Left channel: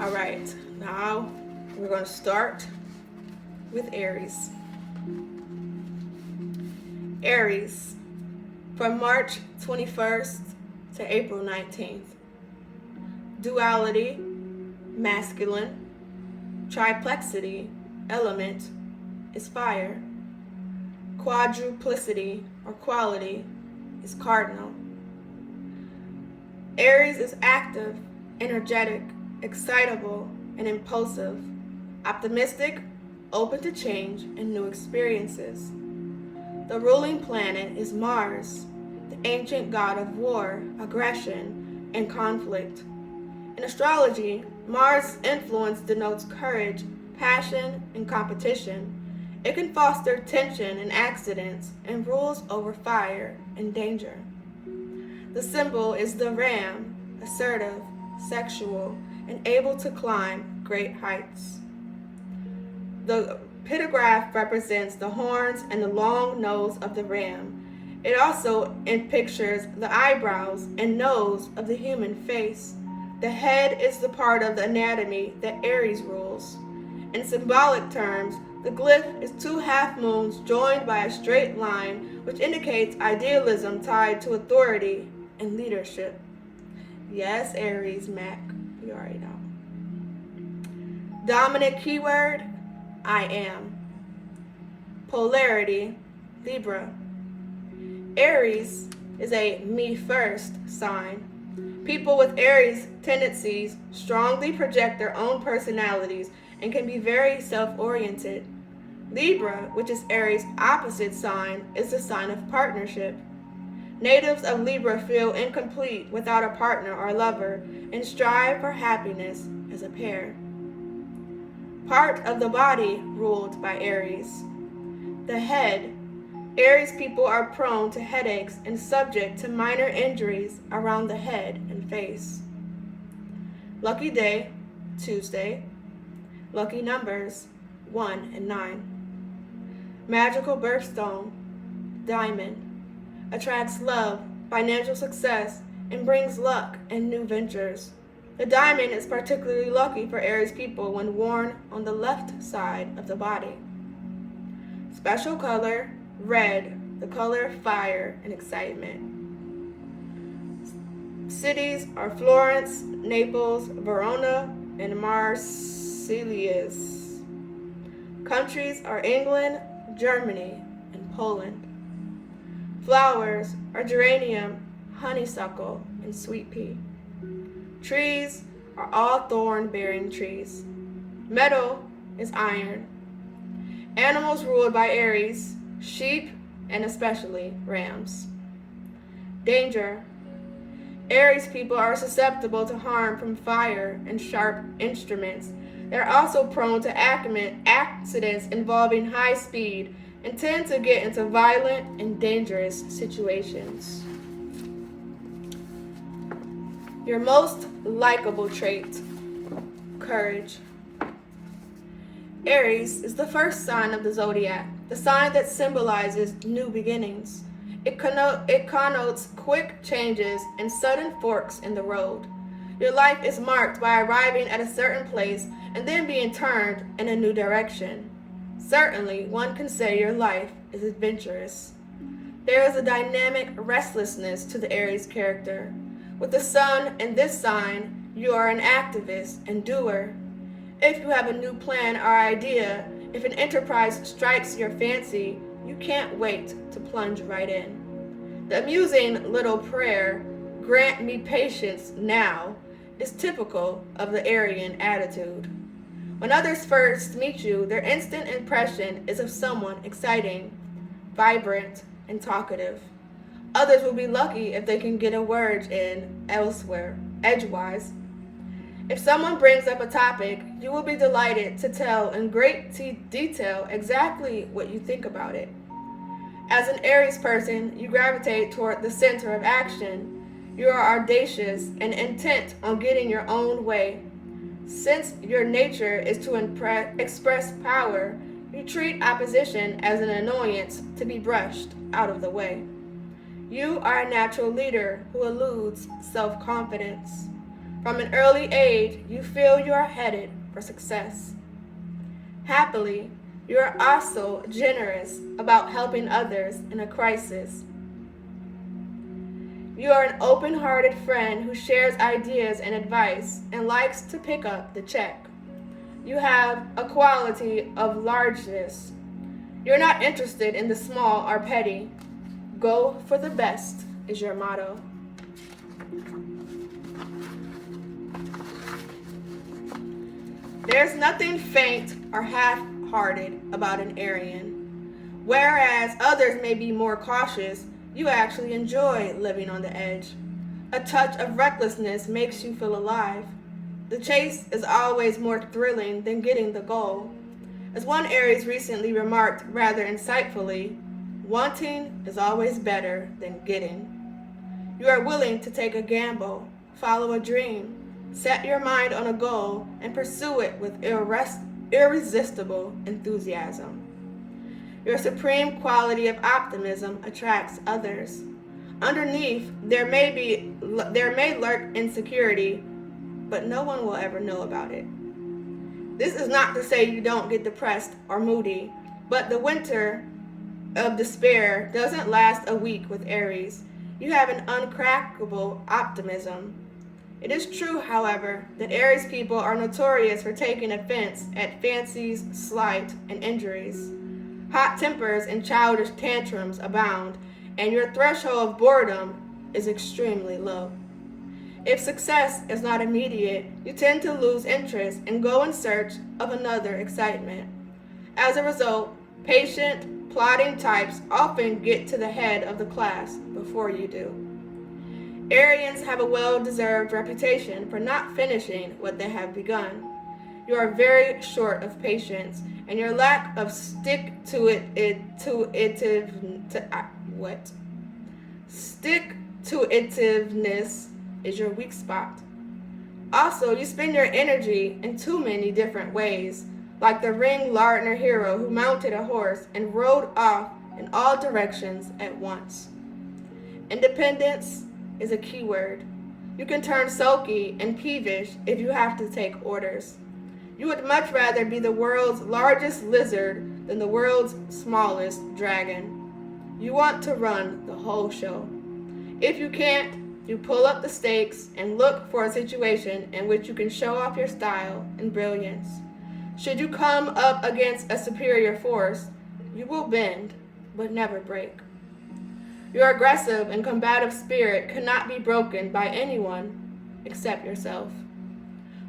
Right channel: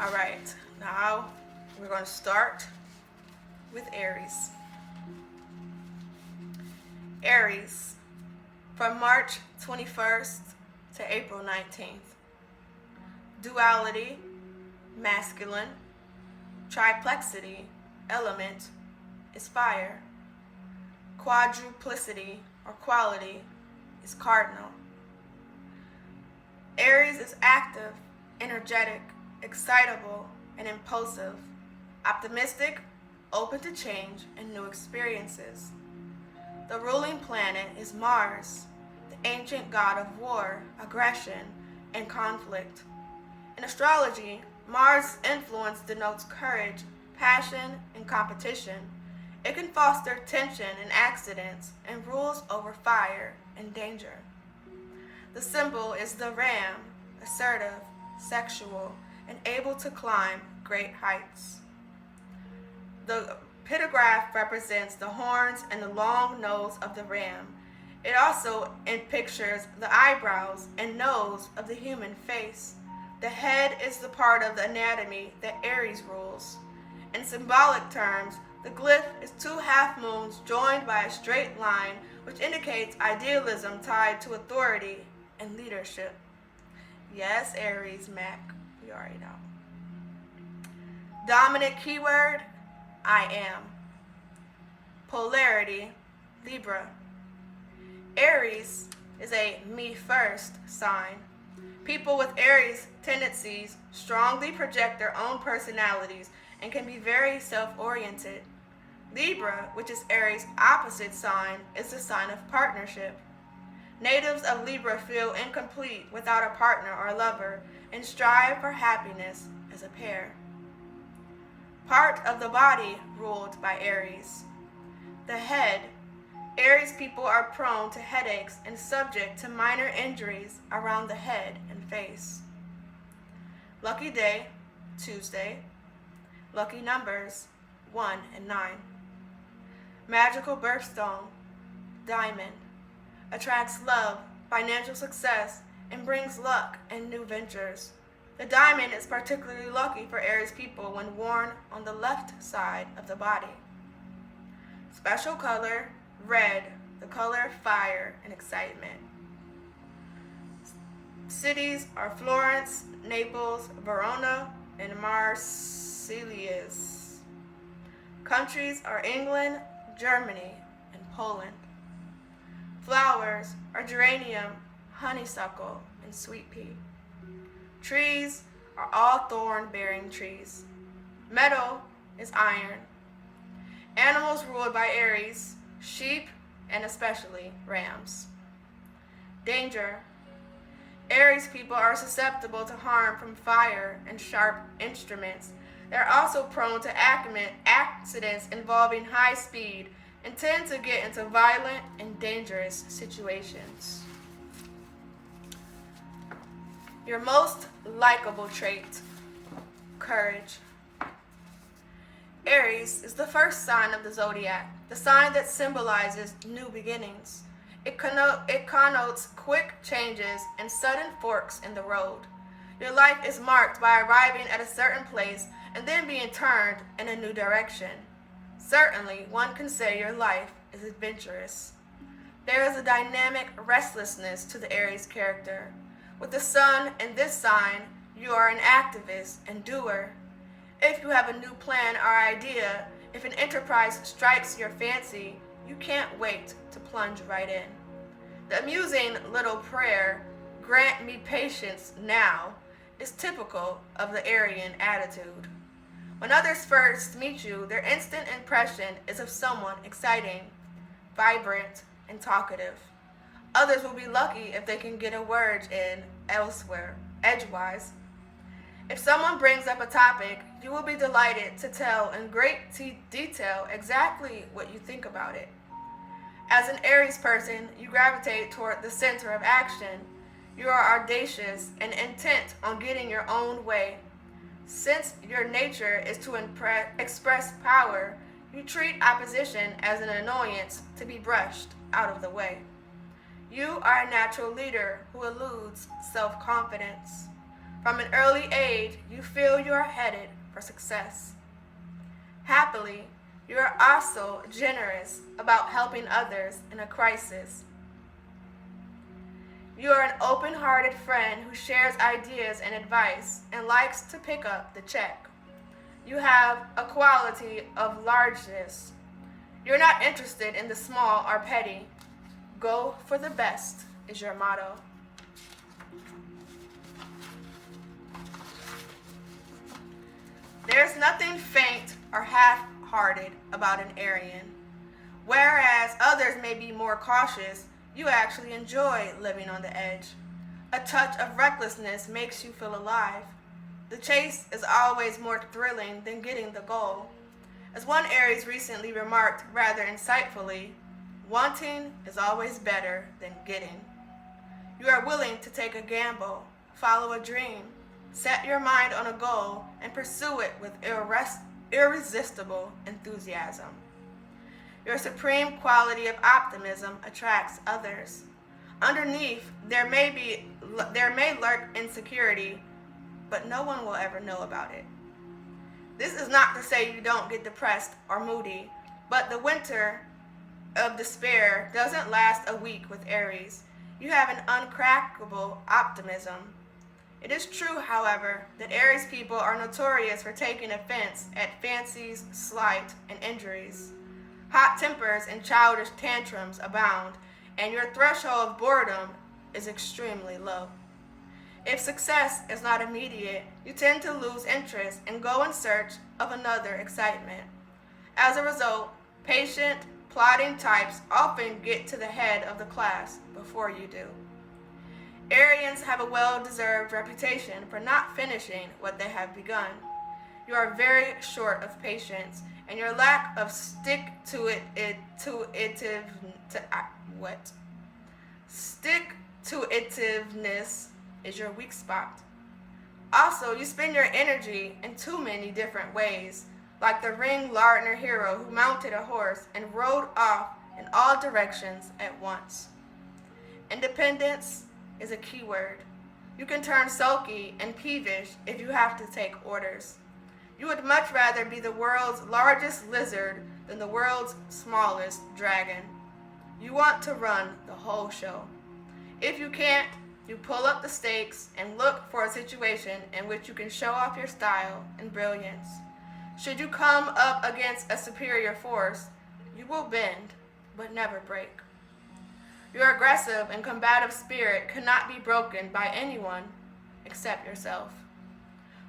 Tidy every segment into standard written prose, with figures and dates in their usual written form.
All right, now we're going to start with Aries. Aries, from March 21st to April 19th. Duality, masculine. Triplexity, element, is fire. Quadruplicity, or quality, is cardinal. Aries is active, energetic, excitable, and impulsive, optimistic, open to change and new experiences. The ruling planet is Mars, the ancient god of war, aggression, and conflict. In astrology, Mars' influence denotes courage, passion, and competition. It can foster tension and accidents and rules over fire and danger. The symbol is the ram, assertive, sexual, and able to climb great heights. The pictograph represents the horns and the long nose of the ram. It also pictures the eyebrows and nose of the human face. The head is the part of the anatomy that Aries rules. In symbolic terms, the glyph is two half moons joined by a straight line, which indicates idealism tied to authority and leadership. Yes, Aries, Mac, you already know. Dominant keyword, I am. Polarity, Libra. Aries is a me first sign. People with Aries tendencies strongly project their own personalities and can be very self-oriented. Libra, which is Aries' opposite sign, is the sign of partnership. Natives of Libra feel incomplete without a partner or lover and strive for happiness as a pair. Part of the body ruled by Aries. The head. Aries people are prone to headaches and subject to minor injuries around the head and face. Lucky day, Tuesday. Lucky numbers, 1 and 9. Magical birthstone, diamond. Attracts love, financial success, and brings luck and new ventures. The diamond is particularly lucky for Aries people when worn on the left side of the body. Special color, red, the color of fire and excitement. Cities are Florence, Naples, Verona, and Marseilles. Countries are England, Germany, and Poland. Flowers are geranium, honeysuckle, and sweet pea. Trees are all thorn-bearing trees. Metal is iron. Animals ruled by Aries, sheep, and especially rams. Danger. Aries people are susceptible to harm from fire and sharp instruments. They're also prone to accidents involving high speed and tend to get into violent and dangerous situations. Your most likable trait, courage. Aries is the first sign of the zodiac, the sign that symbolizes new beginnings. It connotes quick changes and sudden forks in the road. Your life is marked by arriving at a certain place and then being turned in a new direction. Certainly, one can say your life is adventurous. There is a dynamic restlessness to the Aries character. With the sun in this sign, you are an activist and doer. If you have a new plan or idea, if an enterprise strikes your fancy, you can't wait to plunge right in. The amusing little prayer, "Grant me patience now," is typical of the Aryan attitude. When others first meet you, their instant impression is of someone exciting, vibrant, and talkative. Others will be lucky if they can get a word in elsewhere, edgewise. If someone brings up a topic, you will be delighted to tell in great detail exactly what you think about it. As an Aries person, you gravitate toward the center of action. You are audacious and intent on getting your own way. Since your nature is to express power, you treat opposition as an annoyance to be brushed out of the way. You are a natural leader who eludes self-confidence. From an early age, you feel you are headed for success. Happily, you are also generous about helping others in a crisis. You are an open-hearted friend who shares ideas and advice and likes to pick up the check. You have a quality of largeness. You're not interested in the small or petty. Go for the best is your motto. There's nothing faint or half-hearted about an Aryan. Whereas others may be more cautious, you actually enjoy living on the edge. A touch of recklessness makes you feel alive. The chase is always more thrilling than getting the goal. As one Aries recently remarked rather insightfully, wanting is always better than getting. You are willing to take a gamble, follow a dream, set your mind on a goal, and pursue it with irresistible enthusiasm. Your supreme quality of optimism attracts others. Underneath, there may lurk insecurity, but no one will ever know about it. This is not to say you don't get depressed or moody, but the winter of despair doesn't last a week with Aries. You have an uncrackable optimism. It is true, however, that Aries people are notorious for taking offense at fancies, slight, and injuries. Hot tempers and childish tantrums abound, and your threshold of boredom is extremely low. If success is not immediate, you tend to lose interest and go in search of another excitement. As a result, patient, plodding types often get to the head of the class before you do. Arians have a well-deserved reputation for not finishing what they have begun. You are very short of patience, and your lack of stick-to-itiveness is your weak spot. Also, you spend your energy in too many different ways, like the Ring Lardner hero who mounted a horse and rode off in all directions at once. Independence is a key word. You can turn sulky and peevish if you have to take orders. You would much rather be the world's largest lizard than the world's smallest dragon. You want to run the whole show. If you can't, you pull up the stakes and look for a situation in which you can show off your style and brilliance. Should you come up against a superior force, you will bend, but never break. Your aggressive and combative spirit cannot be broken by anyone except yourself.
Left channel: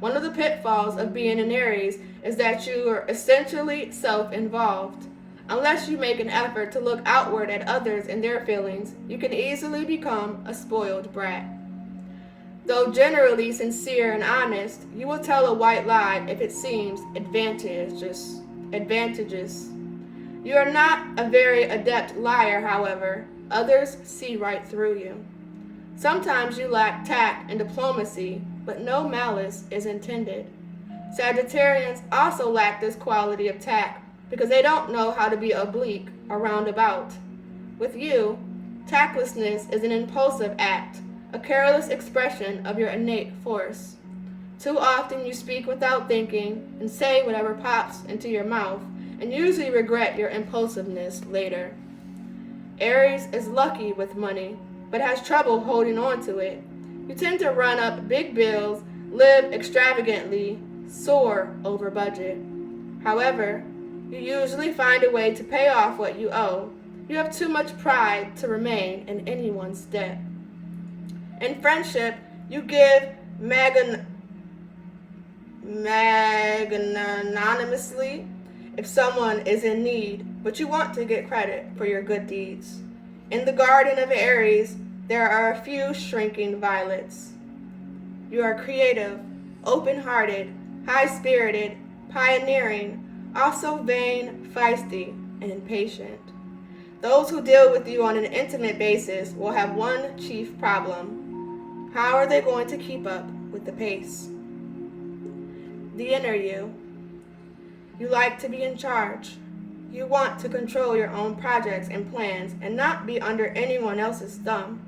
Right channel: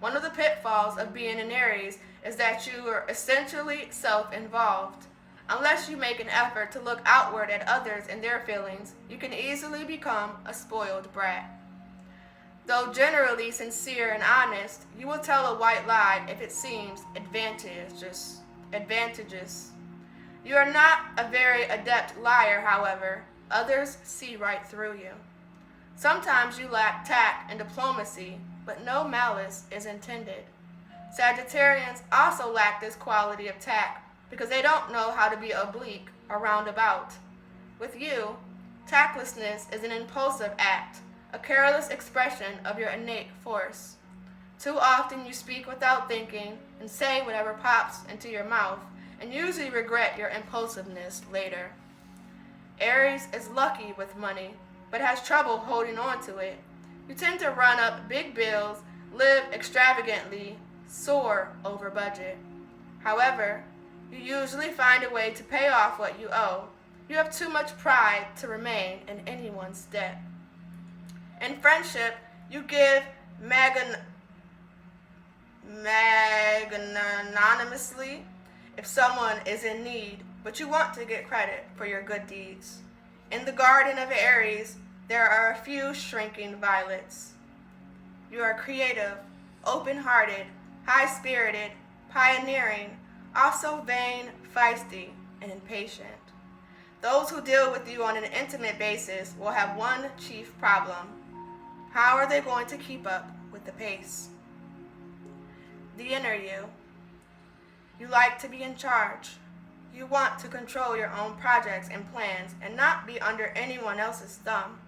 One of the pitfalls of being an Aries is that you are essentially self-involved. Unless you make an effort to look outward at others and their feelings, you can easily become a spoiled brat. Though generally sincere and honest, you will tell a white lie if it seems advantageous. You are not a very adept liar, however. Others see right through you. Sometimes you lack tact and diplomacy, but no malice is intended. Sagittarians also lack this quality of tact because they don't know how to be oblique or roundabout. With you, tactlessness is an impulsive act, a careless expression of your innate force. Too often you speak without thinking and say whatever pops into your mouth, and usually regret your impulsiveness later. Aries is lucky with money, but has trouble holding on to it. You tend to run up big bills, live extravagantly, soar over budget. However, you usually find a way to pay off what you owe. You have too much pride to remain in anyone's debt. In friendship, you give magnanimously if someone is in need, but you want to get credit for your good deeds. In the garden of Aries, there are a few shrinking violets. You are creative, open-hearted, high-spirited, pioneering, also vain, feisty, and impatient. Those who deal with you on an intimate basis will have one chief problem. How are they going to keep up with the pace? The inner you. You like to be in charge. You want to control your own projects and plans and not be under anyone else's thumb.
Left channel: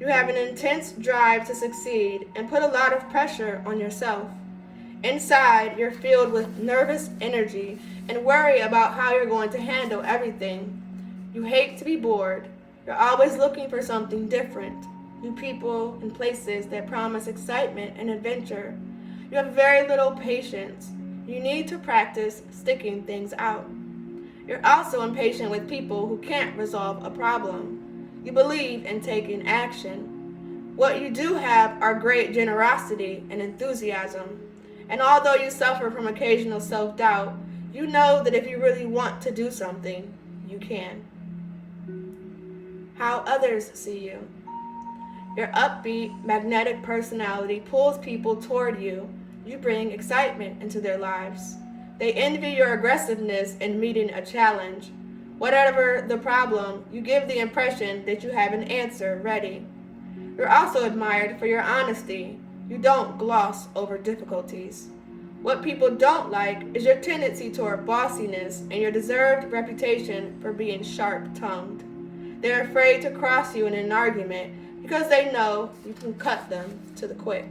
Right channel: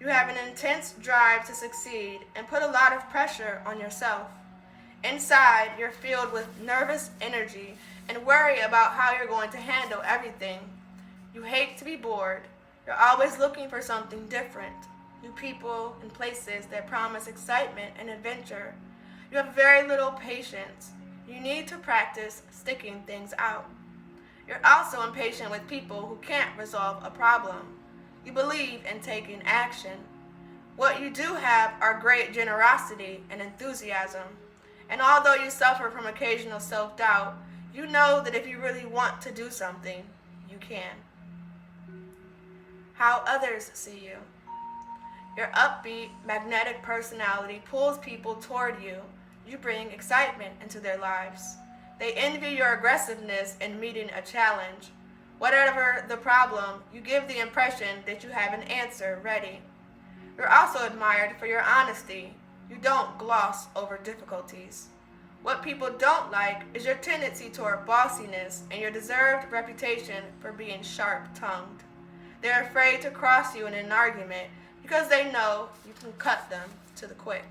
You have an intense drive to succeed and put a lot of pressure on yourself. Inside, you're filled with nervous energy and worry about how you're going to handle everything. You hate to be bored. You're always looking for something different, new people and places that promise excitement and adventure. You have very little patience. You need to practice sticking things out. You're also impatient with people who can't resolve a problem. You believe in taking action. What you do have are great generosity and enthusiasm. And although you suffer from occasional self-doubt, you know that if you really want to do something, you can. How others see you. Your upbeat, magnetic personality pulls people toward you. You bring excitement into their lives. They envy your aggressiveness in meeting a challenge. Whatever the problem, you give the impression that you have an answer ready. You're also admired for your honesty. You don't gloss over difficulties. What people don't like is your tendency toward bossiness and your deserved reputation for being sharp-tongued. They're afraid to cross you in an argument because they know you can cut them to the quick.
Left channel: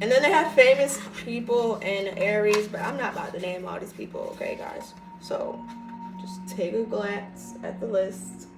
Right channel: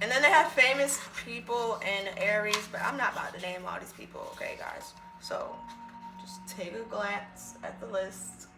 And then they have famous people in Aries, but I'm not about to name all these people, okay, guys? So just take a glance at the list.